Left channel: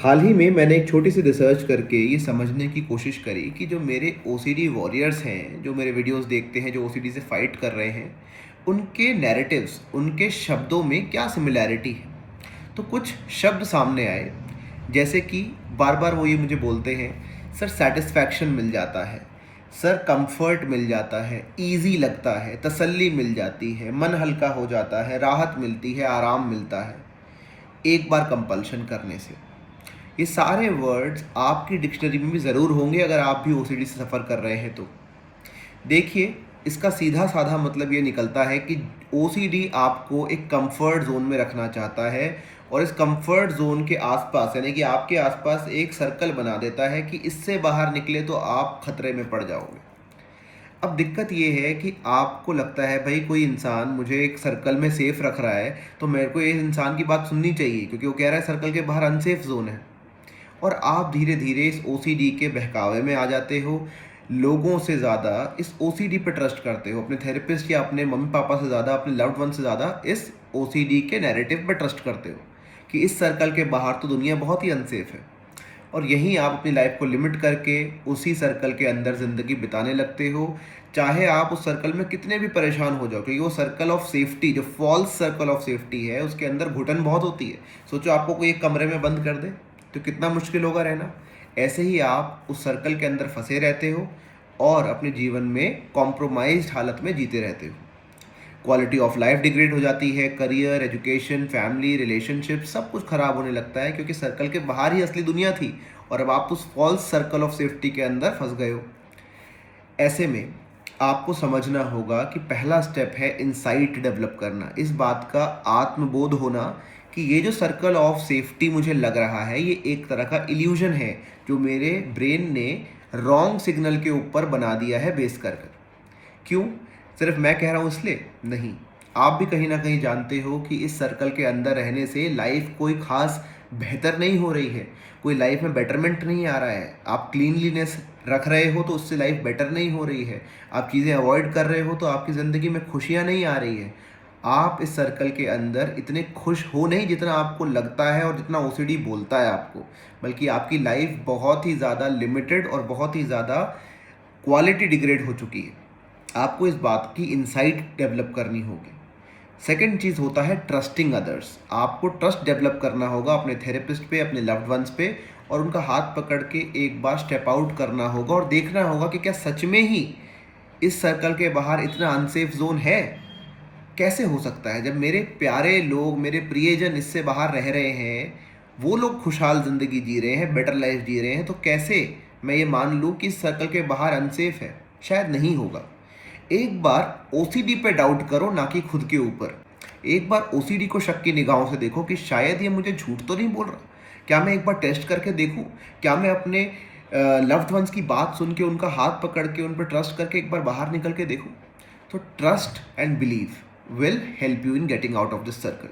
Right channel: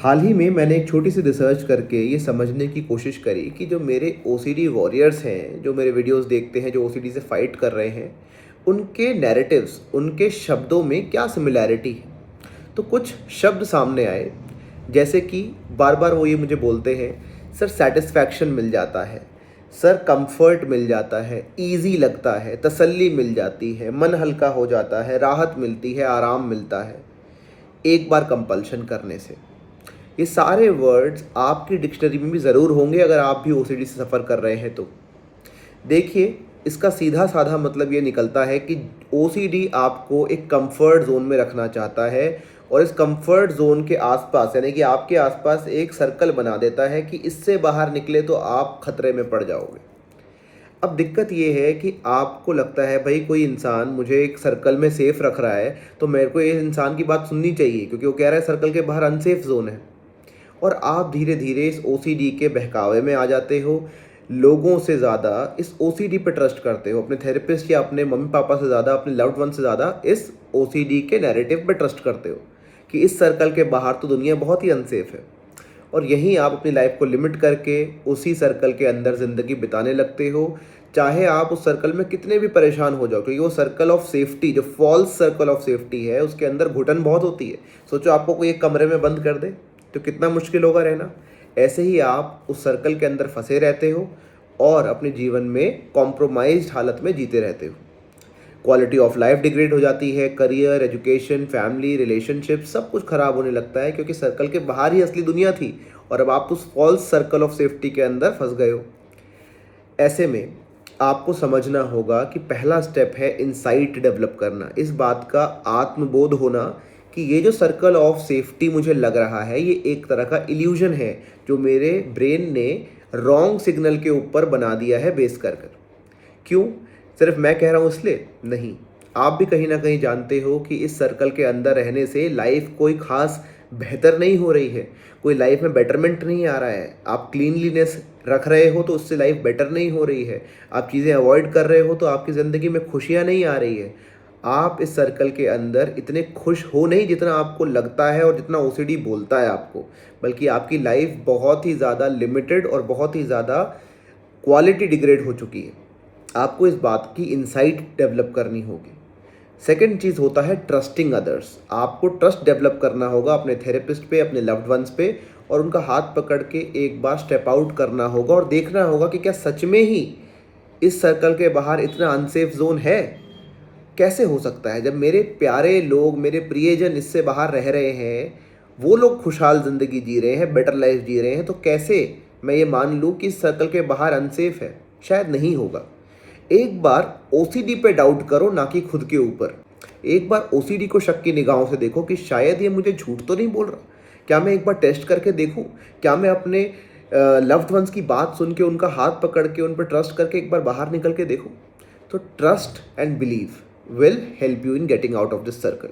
हाल ही में मैंने एक छोटी सी रिसर्च करके ये समझने की कोशिश करी कि जो मेरे ओसीडी वॉरियर्स हैं, जो मेरे वीडियोस देखते हैं, जो ओसीडी से फाइट कर रहे हैं, उनके नैरेटिव्स, उनके शब्दों में क्या सिमिलैरिटी है। तो कुछ शब्द सामने आए, जैसे कि बार बार वो ये मुझे बोलते हैं, सर सेटिस्फैक्शन मिल जाता है, सर कंफर्ट मिल जाता है, इजी लगता है, तसल्ली मिल जाती है, मन हल्का हो जाता है, राहत मिलती है, आराम मिलता है एक बार कंपल्शन करने से। ये सारे वर्ड्स आपकी डिक्शनरी में भी ज़रूर होंगे अगर आप भी ओसीडी से सफ़र कर रहे हैं तो। देखिए, इसका सीधा साधा मतलब ये निकलता है कि ओसीडी आपको एक कंफर्ट जोन में रखना चाहता है और इस कंफर्ट जोन के आसपास, यानी कि आपके आसपास एक सर्कल बना देता है कि इससे बाहर निकले तो आप खतरे में पड़ जाओगे। अब दिक्कत ये है कि आपको लगता है भाई कोई इंसान मुझे एक सर्कल में सेफ रख रहा है, तो मेरे को इस इंसान की बात सुननी चाहिए क्योंकि वो कह रहा है सर्कल के बाहर अनसेफ जोन है। और आप धीरे धीरे इस ओसीडी के बहकावे में आ जाते हो। लोगों से ज़्यादा इस ओसीडी पे ट्रस्ट करते हो, अपने थेरेपिस्ट या अपने मम्मी पापा से ज़्यादा, अपने लव्ड वन से ज़्यादा इस ओसीडी के नैरेटिव पे ट्रस्ट करते हो कि इस सर्कल के बाहर तो दुनिया बहुत ही अनसेफ है। और यहीं आप अपनी लाइफ को लिमिट करके उसी सर्कल के अंदर ज़िंदगी बिताने लगते हो, चाहे आप उस सर्कल में कितने भी परेशान हो जाओ, क्योंकि वो सर्कल ऑफ सेफ्टी, जो फॉल्स सर्कल ऑफ सेफ्टी है, उसके अंदर घुटन बहुत होती है। सोचो आपको कोई एक कमरे में बंद कर दे तो कितना मुश्किल होगा रहना। ऐसे ही आप उस सर्कल के अंदर फंसे रहते हो और अपने जीवन में कॉम्प्रोमाइज्ड हालत में जीते रहते हो। क्वालिटी ऑफ लाइफ डिग्रेड हो जाती है, करियर, एजुकेशन, फैमिली, रिलेशनशिप सब कुछ खराब होने लगता है क्योंकि सर्कल के बाहर ही असली दुनिया थी और अब आप उस फॉल्स सर्कल ऑफ सेफ्टी के अंदर फंस गए हो। ऐसे में आपको समझना होगा कि पहला स्टेप है इनसाइट डेवलप करना, इस बात का आत्मबोध होना कि ये जो सर्कल ऑफ सेफ्टी मुझे लग रहा है ये एक तरह का इल्यूजन है जो मेरे ब्रेन ने रॉन्ग सिग्नल के ऊपर बना दिया है बेस कर कर। क्यों? सिर्फ मैं कह रहा हूँ इसलिए नहीं, आप भी कहीं ना कहीं जानते हो कि इस सर्कल के अंदर रहने से लाइफ कोई खास बेहतर नहीं हो रही है, कोई लाइफ में बेटरमेंट नहीं आ रहा है। आप क्लीनलीनेस रख रहे हो तो उससे लाइफ बेटर नहीं हो रही है, आप चीज़ें अवॉइड कर रहे हो तो आपकी ज़िंदगी में खुशियाँ नहीं आ रही है। आप इस सर्कल के अंदर इतने खुश हो नहीं जितना आपको लगता है और जितना ओसीडी बोलता है आपको, बल्कि आपकी लाइफ बहुत ही ज़्यादा लिमिटेड और बहुत ही ज़्यादा क्वालिटी डिग्रेड हो चुकी है। आपको इस बात की इंसाइट डेवलप करनी होगी। सेकेंड चीज़ होता है ट्रस्टिंग अदर्स। आपको ट्रस्ट डेवलप करना होगा अपने थेरेपिस्ट पे, अपने लव्ड वंस पे, और उनका हाथ पकड़ के एक बार स्टेप आउट करना होगा और देखना होगा कि क्या सच में ही इस सर्कल के बाहर इतना अनसेफ जोन है। कैसे हो सकता है जब मेरे प्यारे लोग, मेरे प्रियजन इससे बाहर रह रहे हैं, वो लोग खुशहाल ज़िंदगी जी रहे हैं, बेटर लाइफ जी रहे हैं, तो कैसे मैं ये मान लूँ कि इस सर्कल के बाहर अनसेफ है? शायद नहीं होगा। एक बार ओसीडी पे डाउट करो, ना कि खुद के ऊपर। एक बार ओसीडी को शक की निगाहों से देखो कि शायद ये मुझे झूठ तो नहीं बोल रहा। क्या मैं एक बार टेस्ट करके देखूं? क्या मैं अपने लव्ड वंस की बात सुन के, उनका हाथ पकड़ के, उन पर ट्रस्ट करके एक बार बाहर निकल के देखूं? तो trust and believe will help you in getting out of this circle.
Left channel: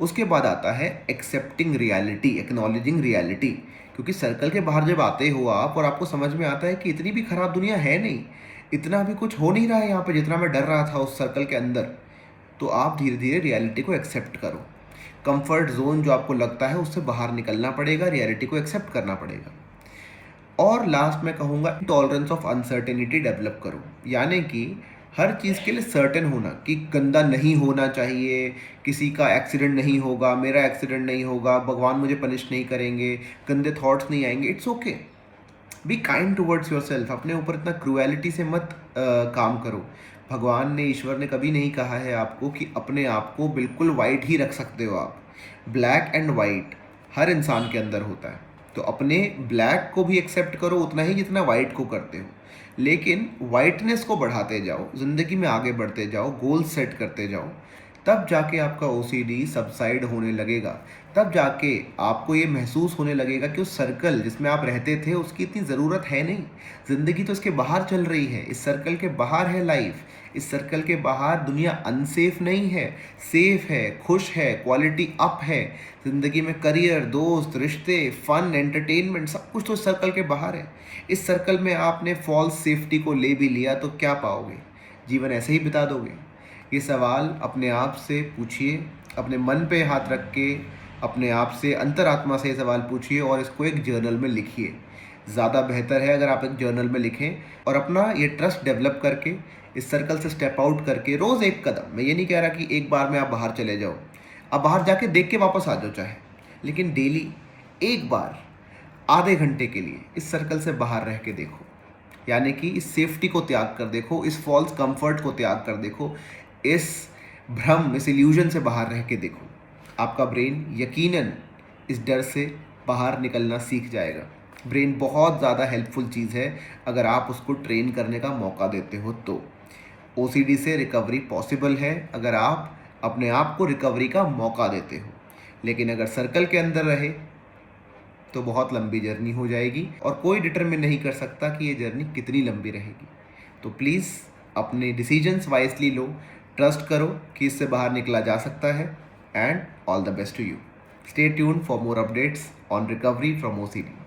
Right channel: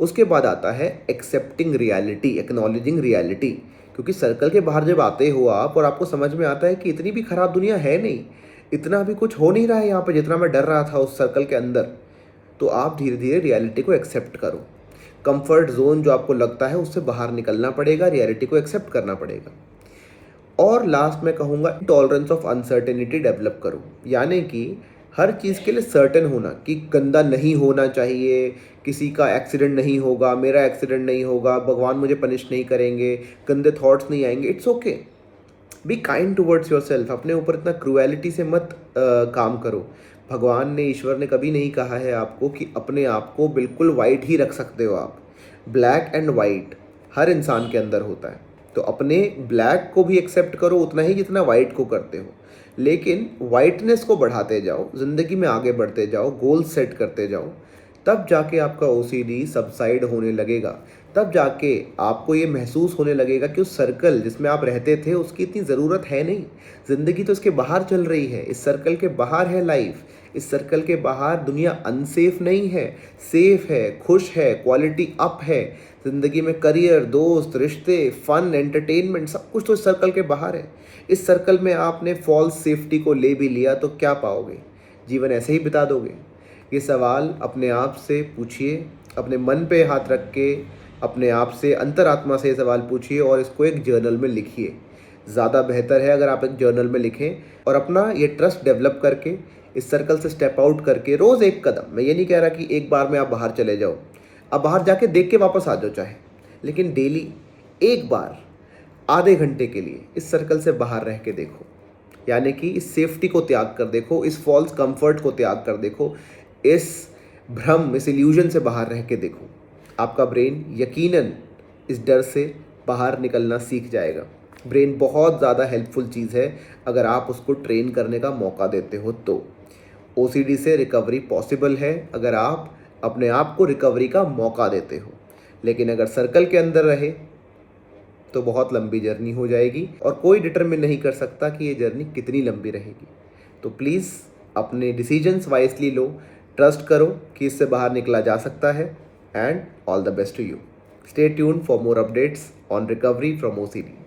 उसके बाद आता है एक्सेप्टिंग रियलिटी, एक्नॉलेजिंग रियलिटी। क्योंकि सर्कल के बाहर जब आते हो आप और आपको समझ में आता है कि इतनी भी खराब दुनिया है नहीं, इतना भी कुछ हो नहीं रहा है यहाँ पे जितना मैं डर रहा था उस सर्कल के अंदर, तो आप धीरे धीरे रियलिटी को एक्सेप्ट करो। कंफर्ट जोन जो आपको लगता है उससे बाहर निकलना पड़ेगा, रियलिटी को एक्सेप्ट करना पड़ेगा। और लास्ट में कहूँगा टॉलरेंस ऑफ अनसर्टेनिटी डेवलप करो, यानी कि हर चीज़ के लिए सर्टेन होना कि गंदा नहीं होना चाहिए, किसी का एक्सीडेंट नहीं होगा, मेरा एक्सीडेंट नहीं होगा, भगवान मुझे पनिश नहीं करेंगे, गंदे थॉट्स नहीं आएंगे। It's okay, be kind towards your self. अपने ऊपर इतना क्रूएलिटी से मत काम करो। भगवान ने, ईश्वर ने कभी नहीं कहा है आपको कि अपने आप को बिल्कुल वाइट ही रख सकते हो आप। ब्लैक एंड वाइट हर इंसान के अंदर होता है, तो अपने ब्लैक को भी एक्सेप्ट करो उतना ही जितना वाइट को करते हो, लेकिन वाइटनेस को बढ़ाते जाओ, ज़िंदगी में आगे बढ़ते जाओ, गोल सेट करते जाओ। तब जाके आपका ओसीडी सबसाइड होने लगेगा। तब जाके आपको ये महसूस होने लगेगा कि उस सर्कल जिसमें आप रहते थे उसकी इतनी ज़रूरत है नहीं। ज़िंदगी तो इसके बाहर चल रही है, इस सर्कल के बाहर है लाइफ। इस सर्कल के बाहर दुनिया अनसेफ नहीं है, सेफ है, खुश है, क्वालिटी अप है। ज़िंदगी में करियर, दोस्त, रिश्ते, फन, एंटरटेनमेंट सब कुछ तो इस सर्कल के बाहर है। इस सर्कल में आपने फॉल्स सेफ्टी को ले भी लिया तो क्या पाओगे? जीवन ऐसे ही बिता दोगे? ये सवाल अपने आप से पूछिए, अपने मन पे हाथ रख के अपने आप से, अंतरात्मा से ये सवाल पूछिए और इसको एक जर्नल में लिखिए। ज़्यादा बेहतर है अगर आप एक जर्नल में लिखें और अपना ये ट्रस्ट डेवलप करके, इस सर्कल से स्टेप आउट करके रोज़ एक कदम, मैं ये नहीं कह रहा कि एक बार में आप बाहर चले जाओ, आप बाहर जाके देख के वापस आ जाओ चाहे, लेकिन डेली एक बार आधे घंटे के लिए इस सर्कल से बाहर रह के देखो। यानी कि इस सेफ्टी को त्याग कर देखो, इस फॉल्स कंफर्ट को त्याग कर देखो, इस भ्रम, इस इल्यूजन से बाहर रह के देखो। आपका ब्रेन यकीनन इस डर से बाहर निकलना सीख जाएगा। ब्रेन बहुत ज़्यादा हेल्पफुल चीज़ है अगर आप उसको ट्रेन करने का मौका देते हो तो। ओसीडी से रिकवरी पॉसिबल है अगर आप अपने आप को रिकवरी का मौका देते हो। लेकिन अगर सर्कल के अंदर रहे तो बहुत लंबी जर्नी हो जाएगी और कोई डिटरमिन नहीं कर सकता कि ये जर्नी कितनी लंबी रहेगी। तो प्लीज़ अपने डिसीजंस वाइजली लो, ट्रस्ट करो कि इससे बाहर निकला जा सकता है, and all the best to you. Stay tuned for more updates on recovery from OCD.